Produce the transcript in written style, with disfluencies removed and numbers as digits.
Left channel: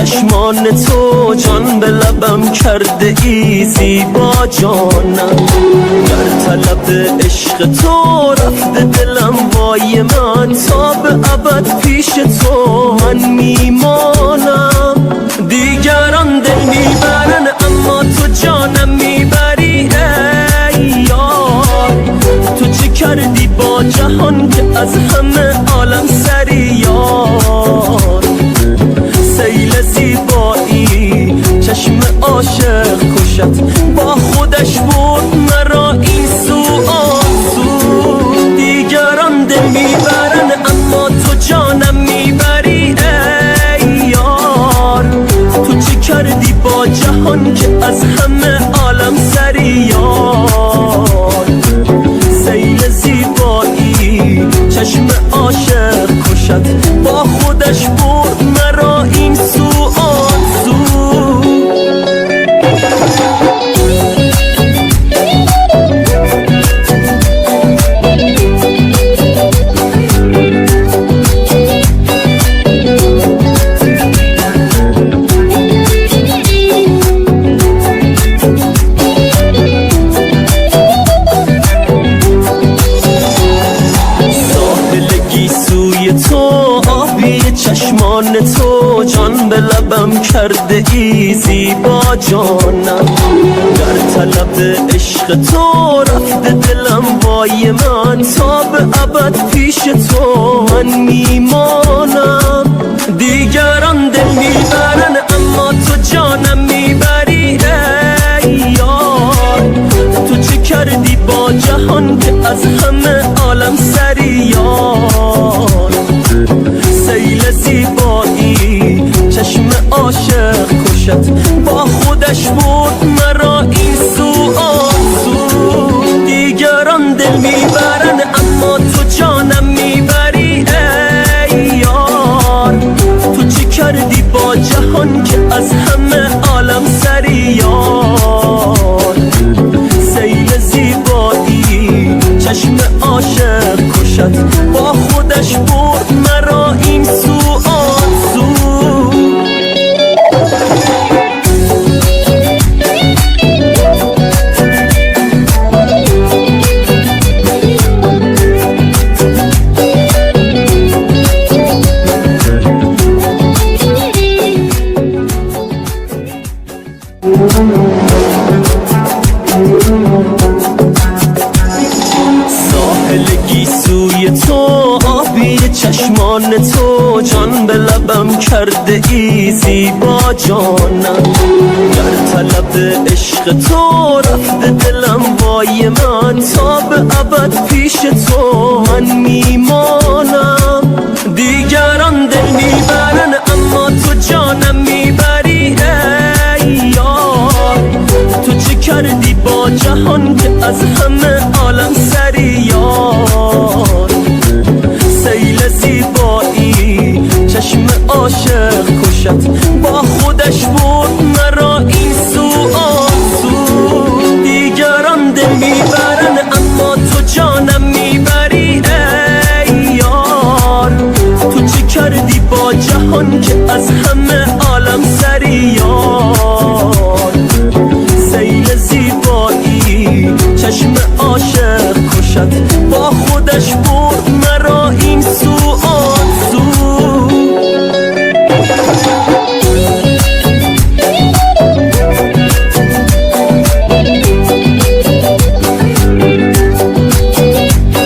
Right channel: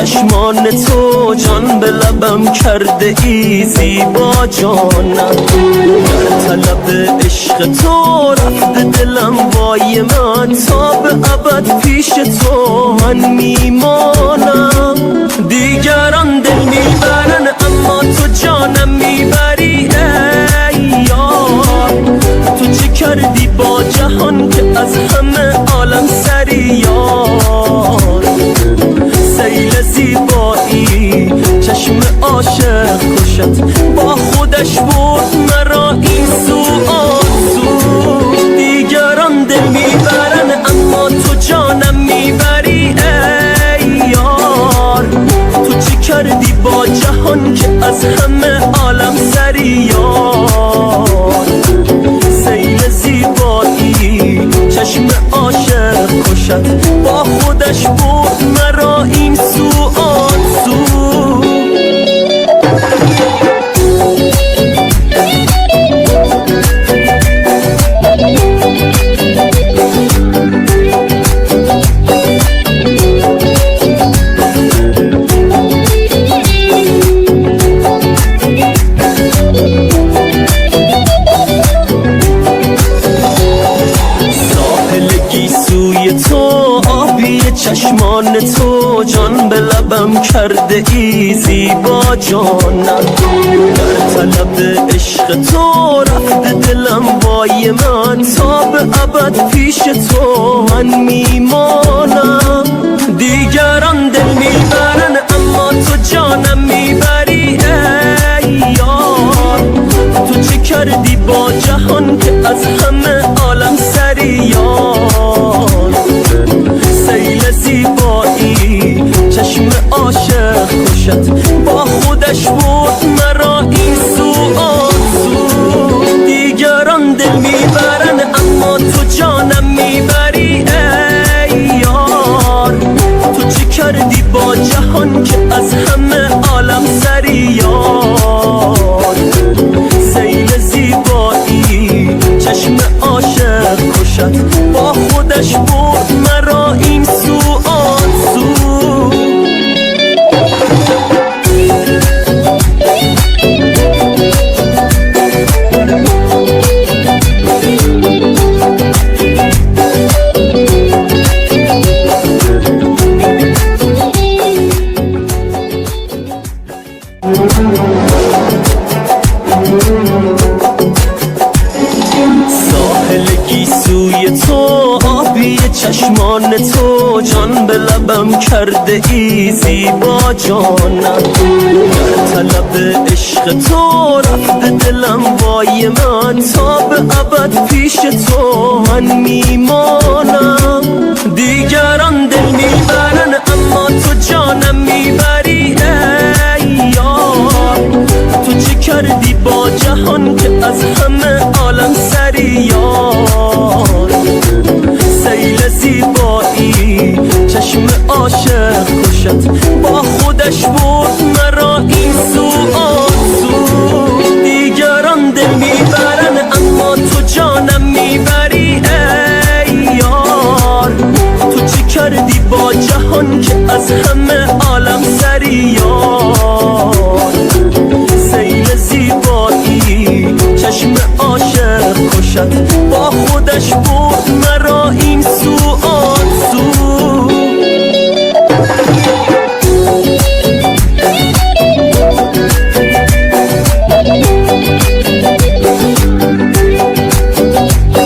چشمان تو جان به لبم کرده ای زیبا جانم، در طلب عشق تو رفته دلم وای من، تا به ابد پیش تو من میمانم. دیگران دل میبرن اما تو جانم میبری ای یار، تو چه کردی با جهان که از همه عالم سری یار. سیل زیبایی چشم عاشق کشت، با خودش برد مرا این سو آن سو. دیگران دل میبرن اما تو جانم میبری ای یار، تو چی کردی با جهان که از همه عالم سری یار. سیل زیبایی چشم عاشق کشد، با خودش برد مرا این سو آن سو. گیسوی تو آبی چشمان تو جان به لبم کرده ای زیبا جانم، در طلب عشق تو رفته دلم وای من، تا به ابد پیش تو من میمانم. دیگران دل میبرن اما تو جانم میبری ای یار، تو چه کردی با جهان که از همه عالم سری یار. سیل زیبایی چشم عاشق کشد، با خودش برد مرا این سو آن سو. دیگران دل میبرن اما تو جانم میبری ای یار، تو چی کردی با جهان که از همه عالم سری یار. سیل زیبایی چشم عاشق کشد، با خودش برد مرا این سو آن سو. گیسوی تو آبی چشمان تو جان به لبم کرده ای زیبا جانم، در طلب عشق تو رفته دلم وای من، تا به ابد پیش تو من میمانم. دیگران دل میبرن اما تو جانم میبری ای یار، تو چه کردی با جهان که از همه عالم سری یار. سیل زیبایی چشم عاشق کشد، با خودش برد مرا این سو آن سو. دیگران دل میبرن اما تو جانم میبری ای یار، تو چی کردی با جهان که از همه عالم سری یار. سیل زیبایی چشم عاشق کشد، با خودش برد مرا